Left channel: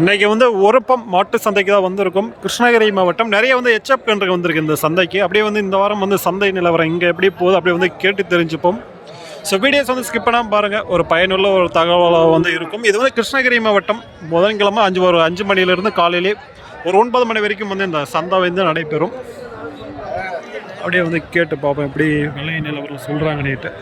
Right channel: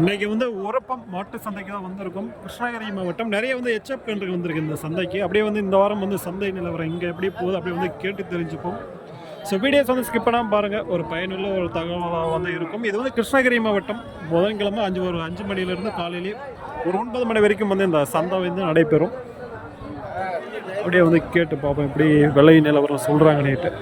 இன்னைக்கு வந்து உரப்பம் மாட்டு சந்தைக்கு தான் வந்திருக்கும். கிருஷ்ணகிரி மாவட்டம் நிறைய வந்து எச்எப் கன்று வந்திருக்கு இந்த சந்தைக்கு. அப்படியே வந்து இந்த வாரம் வந்து சந்தை நிலவரம் இங்கே எப்படி போகுது அப்படியே வந்து கேட்டு தெரிஞ்சுப்போம். ஸோ வீடியோஸ் வந்து ஸ்கிப் பண்ணாமல் பாருங்கள் ஒரு பயனுள்ள ஒரு தகவலாக வந்து இருக்கும். இது வந்து கிருஷ்ணகிரி மாவட்டம். புதன்கிழமை அஞ்சு ஒரு அஞ்சு மணிலேருந்து காலையிலே ஒரு ஒன்பது மணி வரைக்கும் வந்து இந்த சந்தை வந்து நடைபெறும். அப்படியே வந்து கேட்டு பார்ப்போம் எப்படி விலை நிலவரம் சொல்கிறாங்க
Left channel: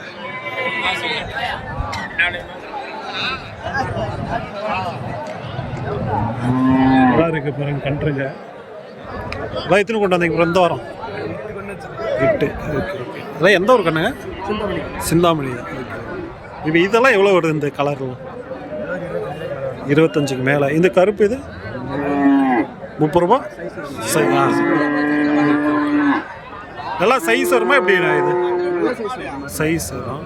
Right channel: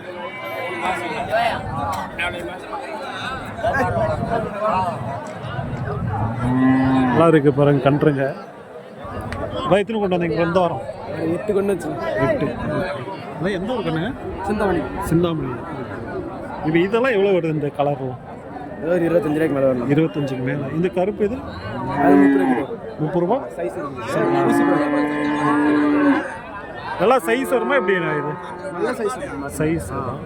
நல்லா இருக்கு பாருங்க கன்றுங்க. அதான் எத்தனை கொண்டு வந்தீங்க எந்த வாரம்? எட்டு கொண்டு எட்டு. அதான் எந்த ஒரு கண்ணுங்க? சிந்தாமணி. சிந்தாமணி. இப்போ இதெல்லாம் எவ்வளோ வருது இந்த கலர்லாம் இருபத்தஞ்சுக்கு மேலே இந்த கருப்பு இது? முப்பது ரூபா? நல்லா சைஸ் வருமா எப்படிண்ணா இது? சைஸ் தான்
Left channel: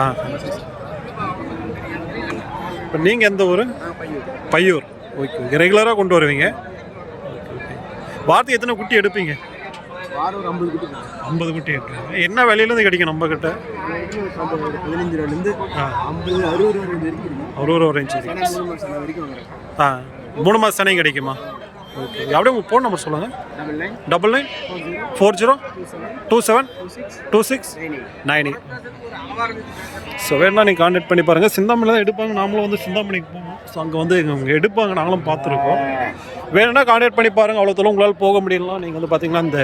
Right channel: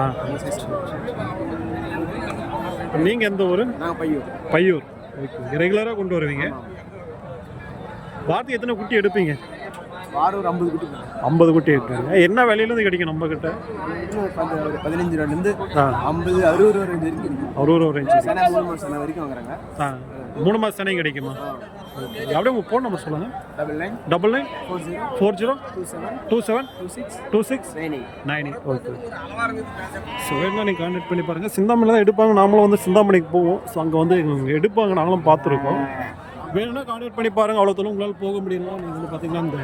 ஆ? இப்போ நீங்கள் எந்த ஊர்? பையூர். Okay okay. ரெகுலராக கொண்டு வருவீங்க? வாரத்துக்கு எத்தனை குட்டி எடுப்பீங்க? வாரம் ஐம்பது குட்டி ஐம்பது குட்டி எடுப்பீங்க. என்ன விலையிலேருந்து கிடைக்கும் நம்ம கிட்ட பதினஞ்சு ரூபாயிலேருந்து ஆ. ஐம்பது அறுபது ரூபா ரேஞ்ச் வரைக்கும் வாங்குறாங்க. ஆ. மூணு மாதம் சனையும் கிடைக்குமா? ஓகே. அப்படியே உங்கள் ஃபோன் நம்பர் சொல்லுங்கள் double nine double nine four zero two seven two six two six nine eight okay so வேணா நீங்கள் கான்டாக்ட் பண்ணி பாருங்கள் சிந்தாமணி தான் எடுப்பாங்க. நாமளும் வந்து சிந்தாமணிக்கு போவோம். ஸோ அங்கே வந்து இவங்க எடுப்பாங்க. நாங்களும் பார்த்துருக்கோம். வேணும்னா கான்டாக்ட் பண்ணி பாருங்கள் அவ்வளோ தூரம் உங்களால் போக முடியலாம் நீங்கள் வந்து பார்த்தீங்கன்னா இந்த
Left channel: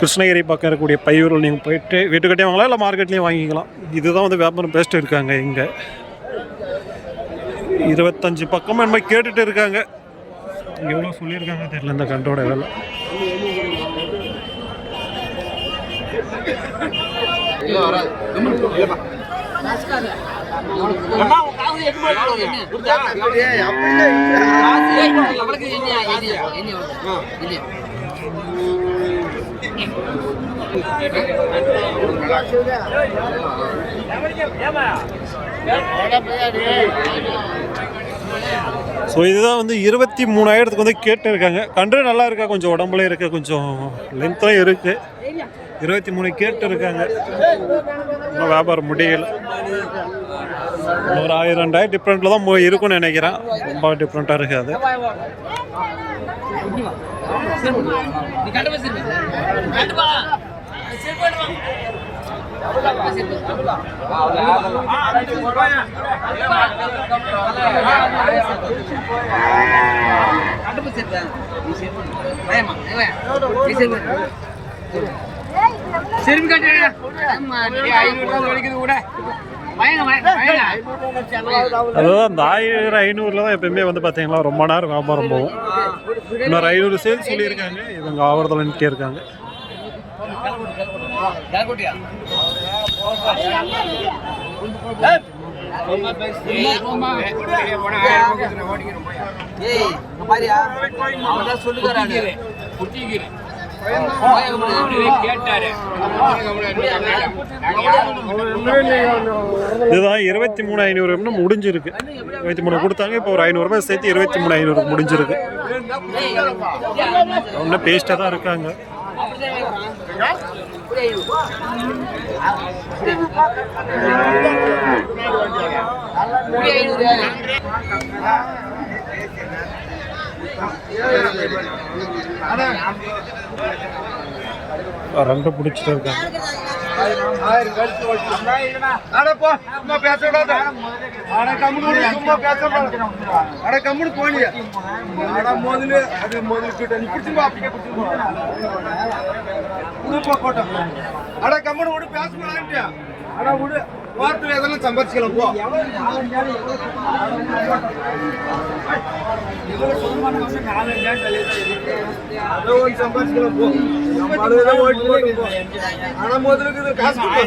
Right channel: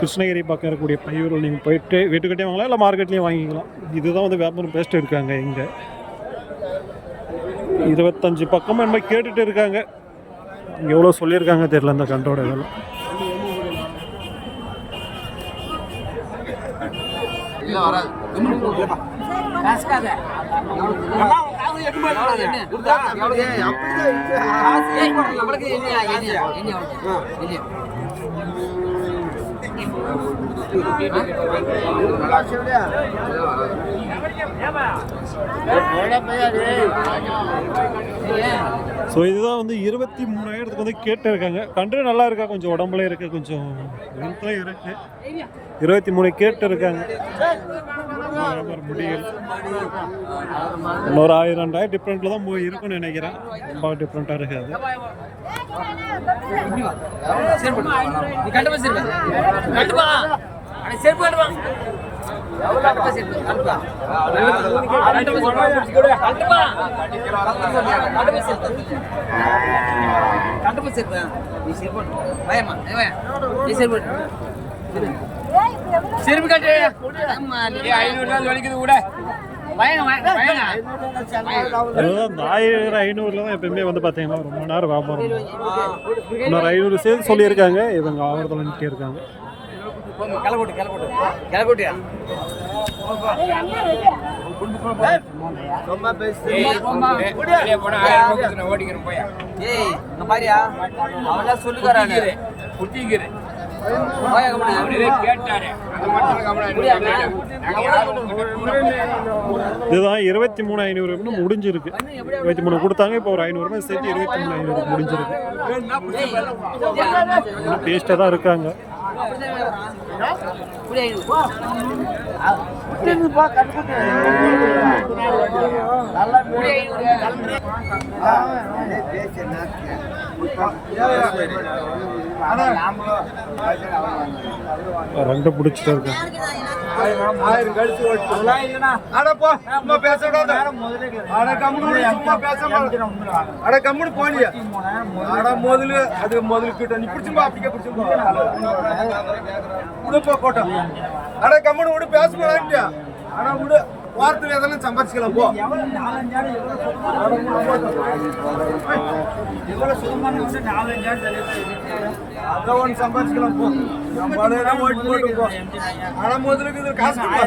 கிருஷ்ணகிரி பக்கம் இருக்கக்கூடிய பையூரில் நீங்கள் போயிட்டு வீட்டுக்கிட்டே வாங்கலாம். இல்லை மார்க்கெட்லேயும் வாங்கிக்கலாம். இதுதான் வந்து வியாபாரம் பேசிட்டு இருக்காங்க இங்கே. இருபத்தஞ்சு பக்கமாக என்ன கேட்டுட்டு இருக்காங்க. எவ்வளோ சொல்லியிருக்காங்க தெரியல இந்த கண்டோட வேலை. ஸோ இதுதான் வந்து இருபத்தி மூணாயிரத்துக்கு வந்து கேட்டு இருக்காங்க கன்று நல்லா இருக்கா? கொஞ்சம் உடம்புல இருக்க கொஞ்சம் லென்த்தாக இருக்கு. இருபத்தி மூணு கேட்டு இருக்காங்க இன்னும் வியாபாரம் முடியல. ஒரு ஆயிரம் ரெண்டாயிரம் டிஃப்ரெண்ட்டில் தான் போய் இருக்கும்னு நினைக்கிறேன். ரொம்ப டிஃப்ரெண்ட்டாக இருக்காது நீ நீ கட்டு ஐநூறு வலிக்குது கூட அதுதான் அந்த ஆயிரம் ஐநூறுல தான் எப்பயுமே வந்து பார்த்தீங்களா ரொம்ப நேரம் வியாபாரம் போகும். இன்னொரு ஐநூறு சேல் சொல்லியிருக்காங்க. இவங்க ஆவரத்தில் நின்றுட்டே இருக்காங்க. கிளக்கூட்டு கிளக்கூட்டு. கிளக்கூட்டியா? ஏய் இங்க பாரியா. அவங்க சொல்லி வராங்க இதுதான் இருபத்தி மூணு ஐநூறு முடிஞ்சிருக்கு. இருபத்தி மூணு கொடுத்தாங்க இப்போ ஒரு ஐநூறுரூபா சேர்த்து இருபத்தி மூணு ஐநூறு முடிஞ்சிருக்கு. இன்னும் பேஸ்ட்டாக தான் இருக்காங்க. ரெண்டு பிடிச்சிட்டு இருக்காங்க. ஆயிரம் கழிச்சு அடப்பா சும்மா பேசக்கூடாது அட கம்முனு சும்மா பேசக்கூடாது அட கம்முனு போனிய அட முதல்ல அது முதல்ல கிட்ட நீ பிடிச்சுப்பா அப்படியே பிடிச்சுப்பா உடுப்பா போட்டோம். அட கம்முனு விடு பேசக்கூடாதுட்டியா அட விடு வாரத்தில் எதனா சம்பாதிச்சுக்கலாம் போ. அதான் ஒன்று சம்பாதிச்சுக்கலாம் போ. நம்ம ஓட்டு போட்டு போ. முதலுக்கு இது காசு ஆட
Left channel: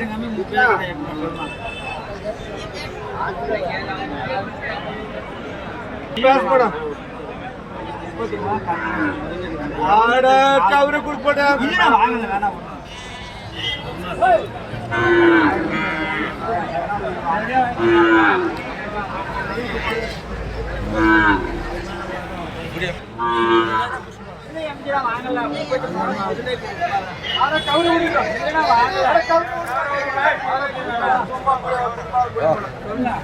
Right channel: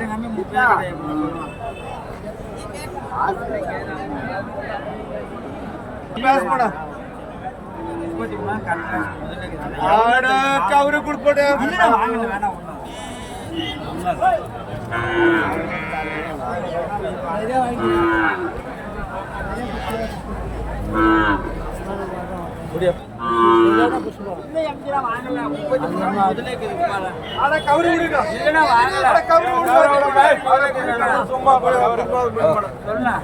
ரூபா வாங்கல முப்பத்தி மூணு முதலே இருக்குமாடா அட கவரு விடுங்க இல்லைன்னா வாங்கல. அட கவரு விடுங்க அட விடுங்க. சும்மா போய் அப்படின்னா போய் போடு. சொல்லலாம்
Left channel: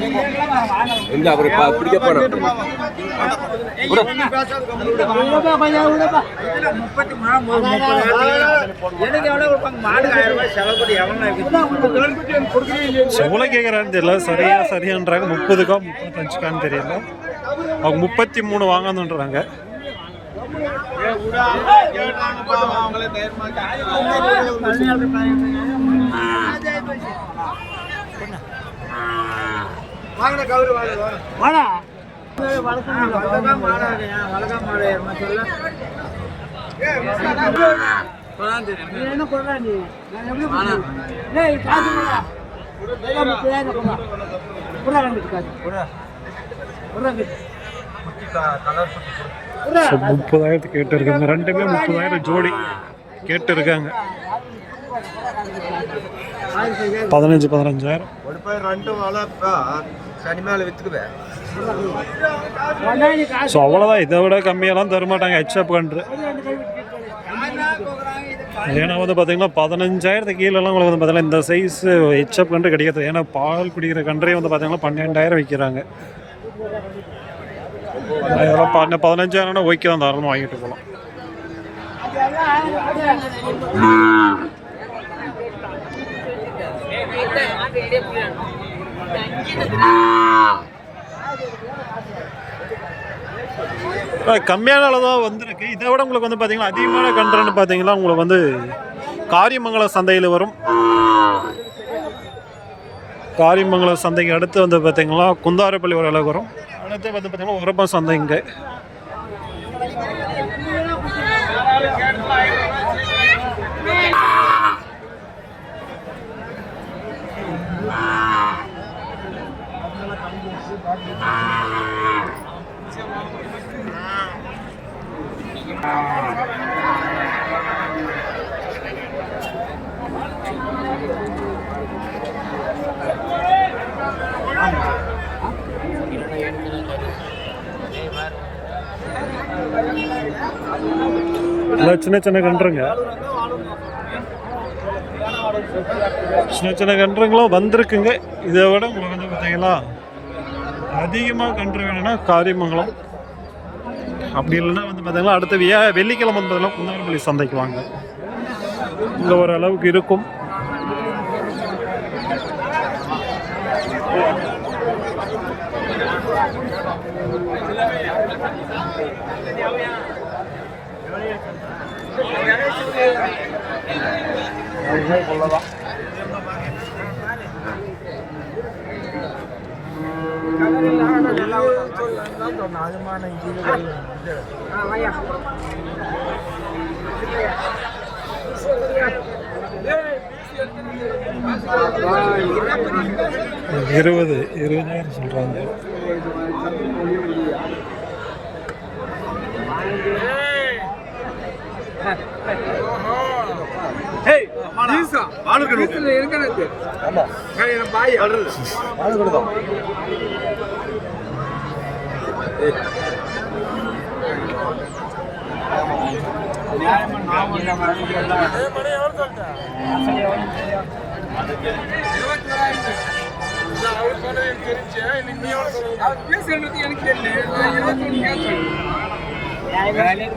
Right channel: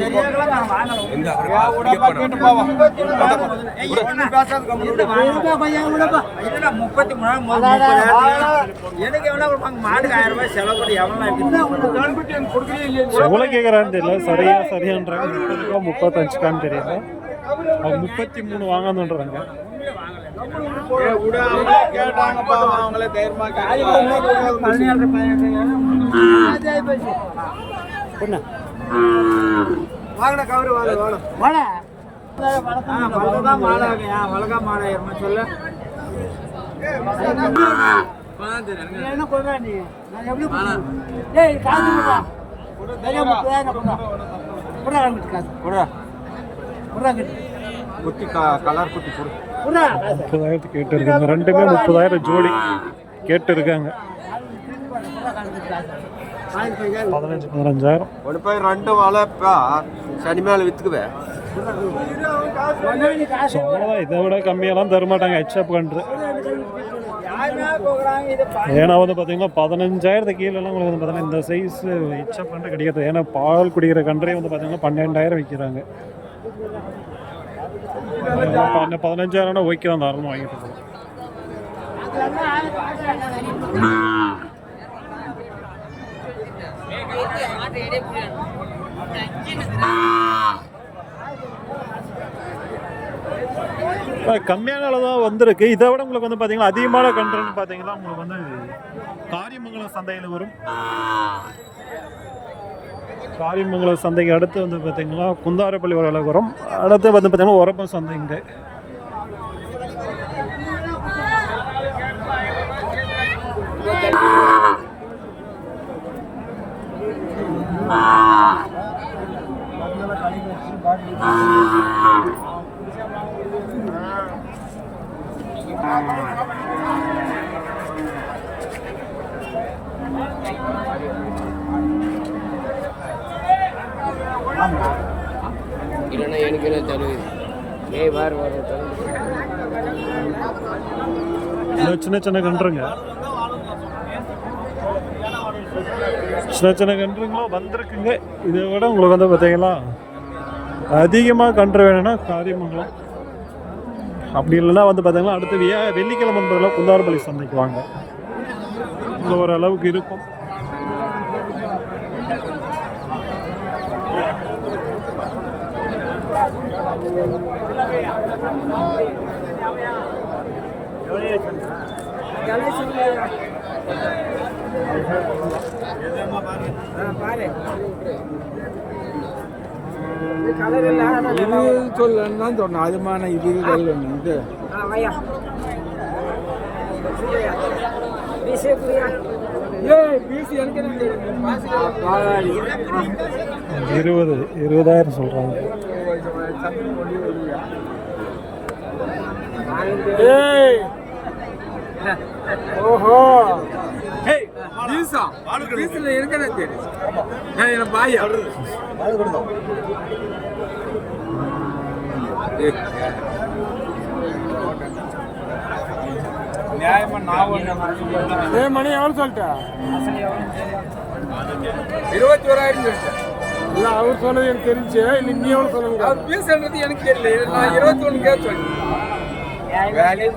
சரியாகலாம் நான் வாங்கல. இல்ல அவரு பிடிக்க போறோம் முப்பத்தி மூணு முதல்ல ஏய், நீ பேசாத கம்முனு இல்ல, வாங்கலாம். இதுல முப்பத்தி மூணு முதல் முப்பது ஆயிரத்துக்கு எனக்கு எவ்வளவு கொடுப்பாங்க? மாடுக்கு ஆயிரம் ரூபாய் செலவு பண்ணி எவ்வளவு இருக்குது கரும்புக்கு எனக்கு கொடுக்குறீங்க இல்லையா. எவ்வளோ கேட்குறான்னு தெரியல. சரியா சரியான்றாங்க. முப்பதுக்கா முப்பத்தஞ்சுக்கான்னு தெரியல. அவங்க முப்பத்தி மூணு வாங்கணுன்றாங்க. கேட்டாங்கப்பா அவங்களே தைரியமா வாங்கின கவரு வாங்க வாடா வழக்கம் மாடாகையா வழக்கம் மாடாயிரமா சொல்லு என்ன? கொடுறா நீ நான் எப்படி ஏய் காசு கொடுறா வேலை கொடுறா கொடுறா காசு கொடுறா கொடுறா குட்டி கலர் குட்டி இருக்காங்க ரெண்டுமே முப்பதாயிரம் ஜோடி கேட்டு இருக்காங்க பதினஞ்சு பதினஞ்சாயிரம். ஒரு போய் ரெண்டு வளர்ப்பா சனி மேல வித்துக்குவே. ஒன்னாடி காசு ஸோ அவ்வளோதான் இதை விட கம்மியெல்லாம் தர மாட்டாங்க ஹெச்அப் கன்று ஏன்னா வந்து பார்த்தீங்கன்னா பதினஞ்சாயிரத்துக்கு கீழெல்லாம் உங்களுக்கு வந்து பார்த்தீங்கன்னா இந்த சைஸ் ஹெச்அப் கன்று கிடைக்காது. ஏன்னா பால் குடிக்கிற கன்றே வந்து பார்த்தீங்கன்னா பன்னெண்டாயிரம் விற்கிறாங்க இதெல்லாம் பண்ண பதினஞ்சாயிரம்னா ஓகே தான் தாராளமாக வாங்கிட்டு போகலாம் கம்மியான அளவு தான் வந்திருக்கு. இதை விட உங்களுக்கு வந்து பார்த்தீங்கன்னா அதிகமான கன்றுன்னு பார்த்தீங்கன்னா உங்களுக்கு வந்து காரியமங்கலம் சந்தையில் வரும். காரியமங்கலம் சந்தைக்கு அடுத்து வந்து பார்த்திங்கன்னா குந்தாரப்பள்ளி ஒரு அளவுக்கு அடுத்து வந்து பார்த்திங்கன்னா உரப்பம் சந்தை இங்கே இல்லை சின்ன சின்ன கன்றுங்க. சின்ன சின்ன கன்றுங்களும் வந்திருக்குங்க. இதை விட உங்களுக்கு வந்து பார்த்தீங்களா அதிகமாக கன்று வேணும்னா காரியமங்கலம். அப்படி இல்லைன்னா வந்து பார்த்தீங்கன்னா அடுத்த வியா வெள்ளிக்கிழமை வந்து பார்த்தீங்கன்னா குந்தாரப்பள்ளி சந்தைக்கு வாங்க. இங்கே ஓரளவுக்கு இருக்கும். இருக்கும் சொல்லலாம் சொன்னோம் அதுமான இது இது இருபது இருபதாயிரம் சொல்றாங்க. ஓஹோ. ஏய் ஈசா வாளுக்கு ஈசல இருக்கனே ஆமா. நான் பாய். தான் நியாயமா நான் மணி எவ்வளவு சொல்லிட்டேன் இருபத்தி ஓராயிரம் சொல்லிட்டேன் இல்ல அவர் சொன்னது எனக்கு தெரிஞ்சு. இன்னைக்கு நீ எவ்வளவு சொல்லுங்க. அவர் பேசுறது எனக்கு தெரியல. நான் இருபத்தி ஒன்று Vai ali,